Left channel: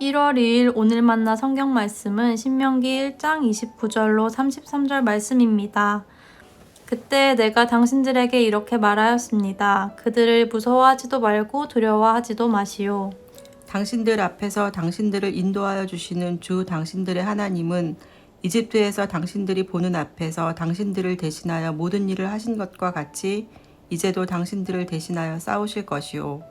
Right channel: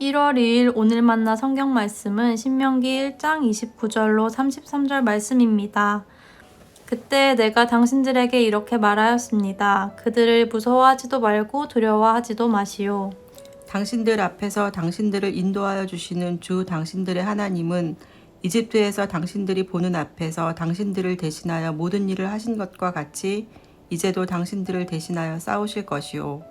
1월 2일 오늘 만나 성경 말씀은 신명기 1장 29절로 33절 말씀입니다. 그때 내가 당신들에게 이렇게 말하였습니다. 그들을 무서워하지도 말고 두려워하지도 마시오. 당신들 앞에서 당신들을 인도하여 주시는 주 당신들의 하나님은 이집트에서 당신들이 보는 앞에서 당신들을 대신하여 모든 일을 하신 것과 같이 이제도 당신들을 대신하여 싸우실 것이요.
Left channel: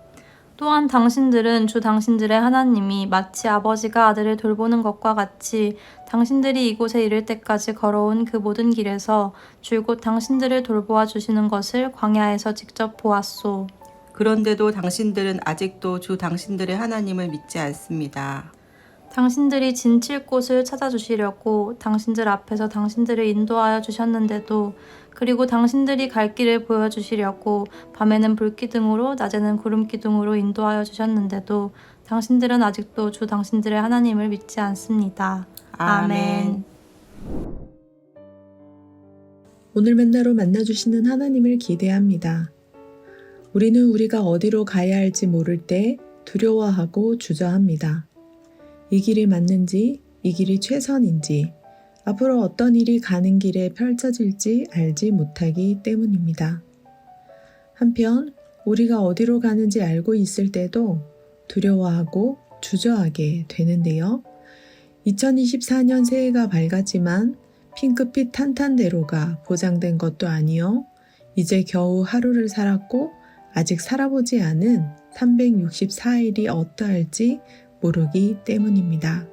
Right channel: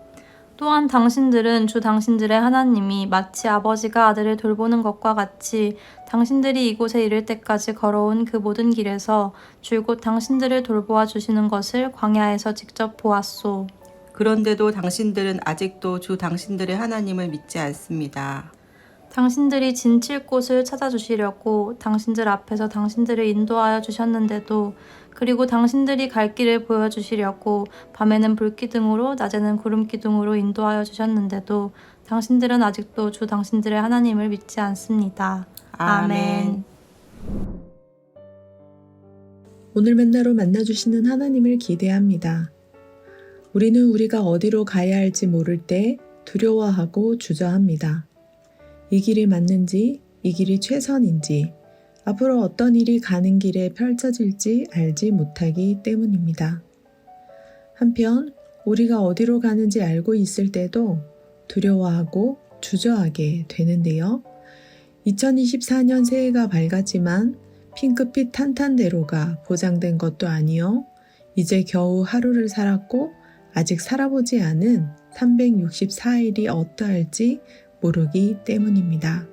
또한 당신들은 주 당신들의 하나님이 마치 아버지가 아들을 돌보는 것과 같이 당신들이 이곳에 이를 때까지 걸어온 그 모든 길에서 줄곧 당신들을 돌보아 주시는 것을 광야에서 직접 보았소. 그런데도 당신들은 아직도 주 당신들의 하나님을 믿지 않습니다. 당신들이 진칠 곳을 찾아주시려고 당신들 앞에서 당신들을 인도하여 주셨는데도, 그리고 당신들이 갈 길을 보여주시려고 밤에는 불기둥으로 낮에는 구름기둥으로 인도하여 주셨는데도 당신들은 아직도 주 당신들의 하나님을 믿지 않습니다. 아멘. 오늘 만나로 만나주시는 하나님을 기대합니다. 우리는 우리가 어디로 가야 할지 모를 때 두려워하고 주저합니다. 이 길이 맞는지, 이 길이 최선인지, 앞으로 어떤 일이 가는 길에 펼쳐질지 알지 못하기 때문입니다. 한편 우리가 어디로 가는지 알고 있을 때도 두려워하고 주저하게 되는데요. 2024년 새해가 밝았지만 핑크빛 탄탄대로가 보장된 것도 아니요. 이제 겨우 하루를 살았고 아직 살아보지 않은 364일이 어떠할지 모르기 때문입니다.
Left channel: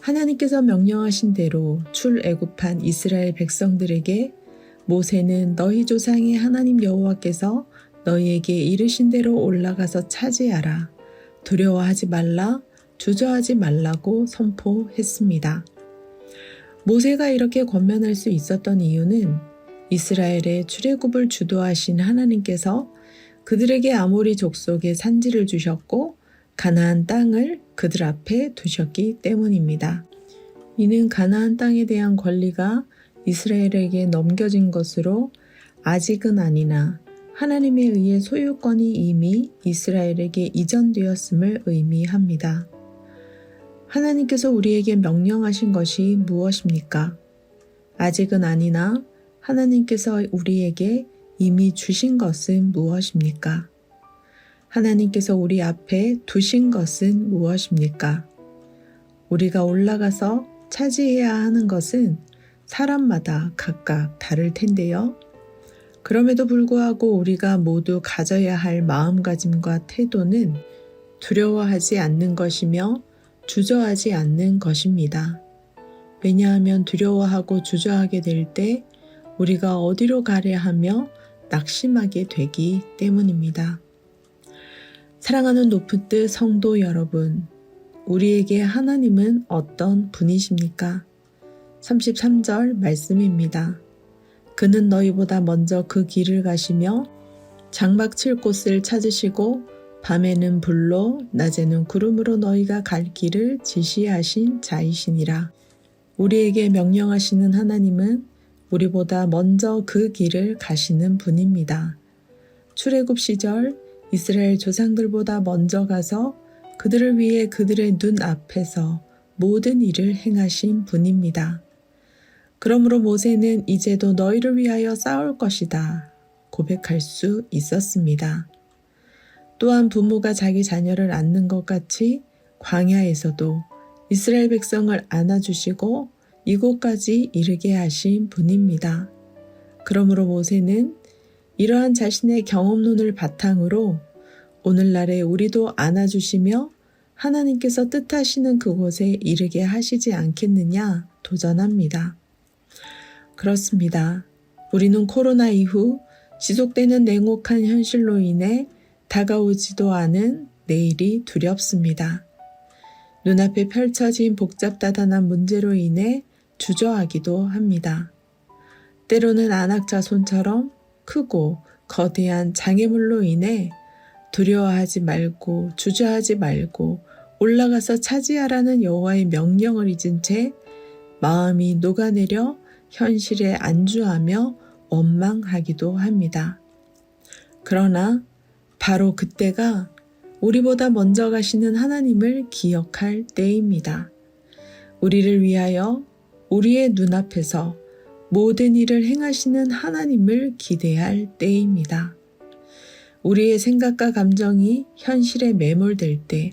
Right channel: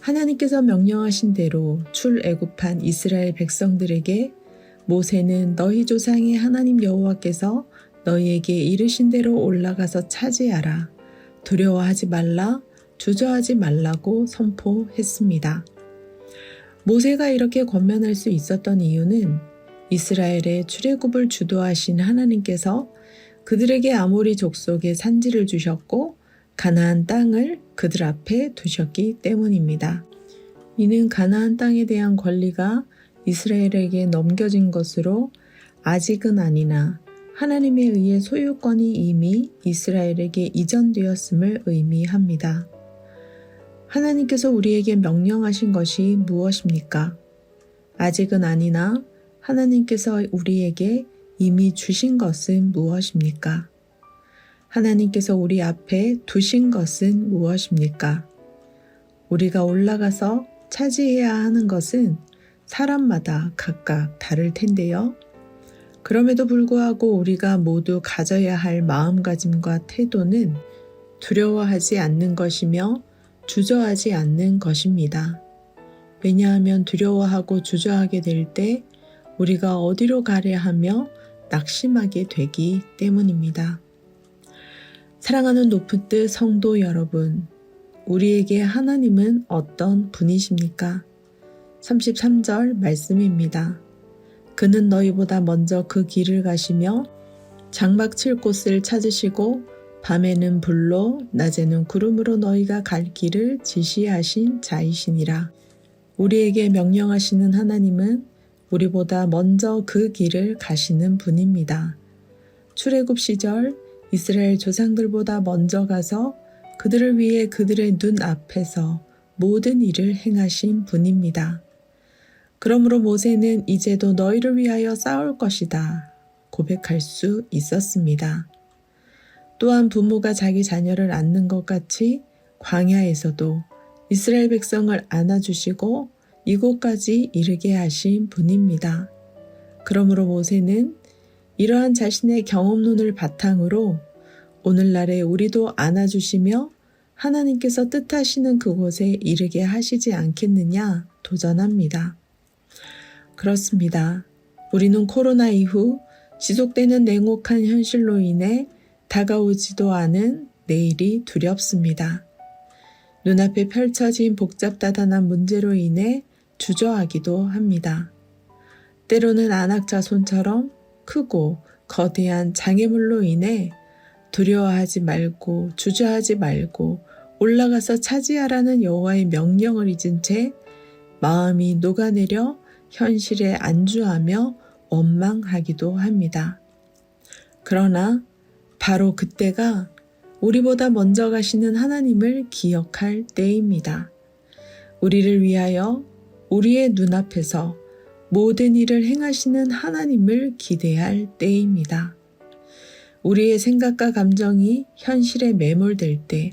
하나님께서 명령하신 대로 출애굽한 이스라엘 백성들에게 모세는 너희 조상의 하나님 여호와께서 너희에게 이르신 대로 올라가서 차지하라. 두려워하지 말라, 주저하지 말라고 선포했습니다. 모세가 이렇게 권면할 수 있었던 이유는 이스라엘의 출애굽을 주도하신 하나님께서 그들에게 아모리 족속의 산지를 주셨고 가나안 땅을 그들 앞에 두셨기 때문입니다. 이는 가나안 땅에 대한 권리가 이스라엘에게 넘겨진 것으로 아직은 아니나 하나님에 의해 소유권이 이미 이스라엘에게 이전되었음을 의미합니다. 하나님께서 우리에게 명령하신 것이 무엇입니까? 아직은 아니나 하나님께서 우리에게 이미 주신 것은 무엇입니까? 하나님께서 우리 앞에 두신 것은 무엇입니까? 우리가 올라가서 차지해야 하는 것은 사람마다 각각 다를 텐데요. 그럼에도 불구하고 우리가 모두 가져야 할 마음가짐과 태도는 두려워하지 않는 것이며 주저하지 않는 것입니다. 왜냐하면 두려워하고 주저하게 될 때 우리가 어디로 가려 하며 낙심하게 되기 때문입니다. 사랑하는 높은 뜻 성도 여러분, 우리에게 하나님은 어떤 분이십니까? 33절 말씀입니다. 그는 너희보다 먼저 그 길을 가시며 장막 칠 곳을 찾으시고 밤에는 불로 낮에는 구름으로 너희가 갈 길을 지시하신 자이시니라. 우리에게 명령하시는 하나님은 우리보다 먼저 그 길을 가시는 분입니다. 출애굽 시절 이스라엘 조상들보다 먼저 가서 그들을 위해 그들의 눈 앞에서 모든 일을 행하신 분입니다. 그러므로 모세는 이제도 너희를 위하여 싸울 것이다 고백할 수 있었습니다. 또한 부모가 자기 자녀를 안는 것 같이 광야에서도 이스라엘 백성을 안아주시고 이곳까지 이르게 하신 분입니다. 그러므로 모세는 이러한 자신의 경험론을 바탕으로 오늘날에 우리도 안아주시며 하나님께서 뜻하시는 그곳에 이르게 하시지 않겠느냐 도전합니다. 그렇습니다. 우리는 코로나 이후 지속되는 냉혹한 현실로 인해 다가오지도 않은 내일이 두렵습니다. 눈앞에 펼쳐진 복잡다단한 문제로 인해 주저하기도 합니다. 때로는 안악자손처럼 크고 거대한 장애물로 인해 두려워하지 말고 주저하지 말고 올라가서 차지하라는 여호와의 명령을 잊은 채 마음이 녹아내려 현실에 안주하며 원망하기도 합니다. 그러나 바로 그때가 우리보다 먼저 가시는 하나님을 기억할 때입니다. 우리를 위하여 우리의 눈앞에서 모든 일을 행하시는 하나님을 기대할 때입니다. 우리의 생각과 감정이 현실에 매몰될 때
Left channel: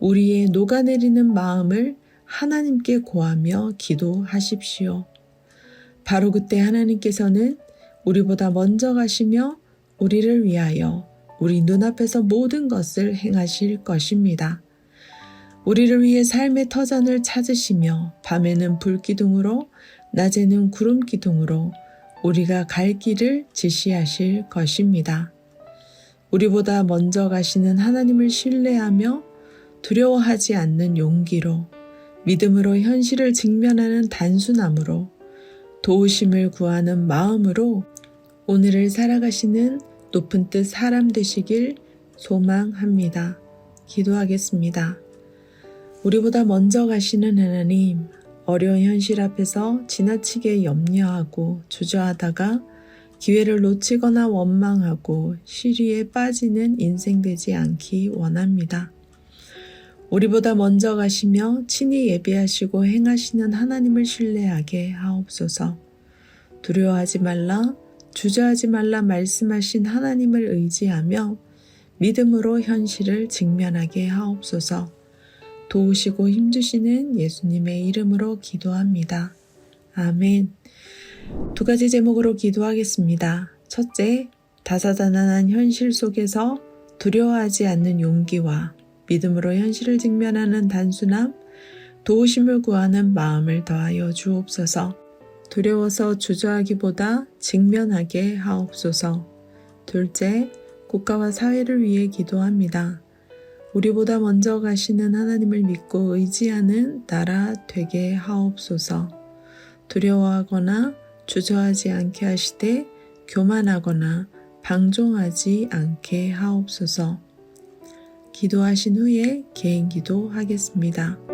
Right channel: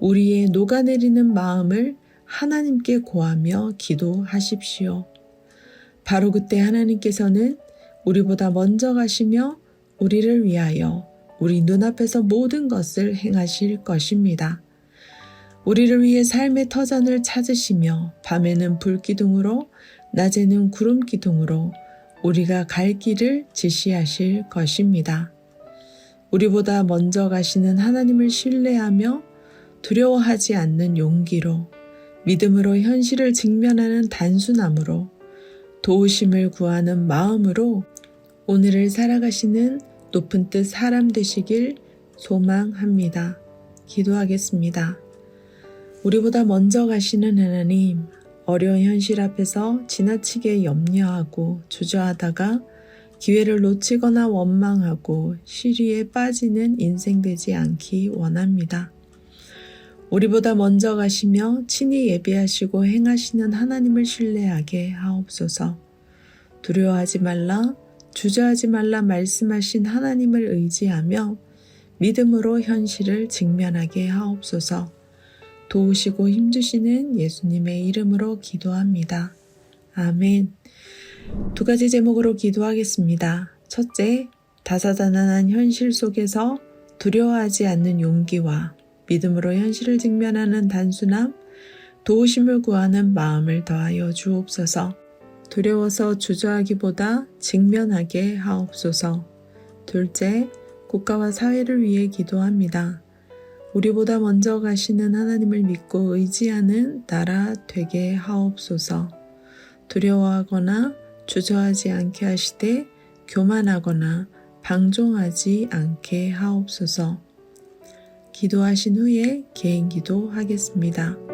우리의 녹아내리는 마음을 하나님께 고하며 기도하십시오. 바로 그때 하나님께서는 우리보다 먼저 가시며 우리를 위하여 우리 눈앞에서 모든 것을 행하실 것입니다. 우리를 위해 삶의 터전을 찾으시며 밤에는 불기둥으로 낮에는 구름기둥으로 우리가 갈 길을 지시하실 것입니다. 우리보다 먼저 가시는 하나님을 신뢰하며 두려워하지 않는 용기로 믿음으로 현실을 직면하는 단순함으로 도우심을 구하는 마음으로 오늘을 살아가시는 높은 뜻 사람 되시길 소망합니다. 기도하겠습니다. 우리보다 먼저 가시는 하나님, 어려운 현실 앞에서 지나치게 염려하고 주저하다가 기회를 놓치거나 원망하고 시리에 빠지는 인생 되지 않기 원합니다. 우리보다 먼저 가시며 친히 예배하시고 행하시는 하나님을 신뢰하게 하옵소서. 두려워하지 말라, 주저하지 말라 말씀하신 하나님을 의지하며 믿음으로 현실을 직면하게 하옵소서. 도우시고 힘주시는 예수님의 이름으로 기도합니다. 아멘. 2가지 제목으로 기도하겠습니다. 첫째, 다사다난한 현실 속에서 두려워하지 않는 용기와 믿음으로 현실을 직면하는 단순함, 도우심을 구하는 마음을 더하여 주옵소서. 두려워서 주저하기보다 직면하게 하옵소서. 둘째, 국가와 사회를 위해 기도합니다. 우리보다 먼저 가시는 하나님을 믿고 의지하는 나라 되게 하옵소서. 두려워하거나 주저하지 않게 하시되 교만하거나 방종하지 않게 하옵소서. 기도하신 후에 개인 기도하겠습니다.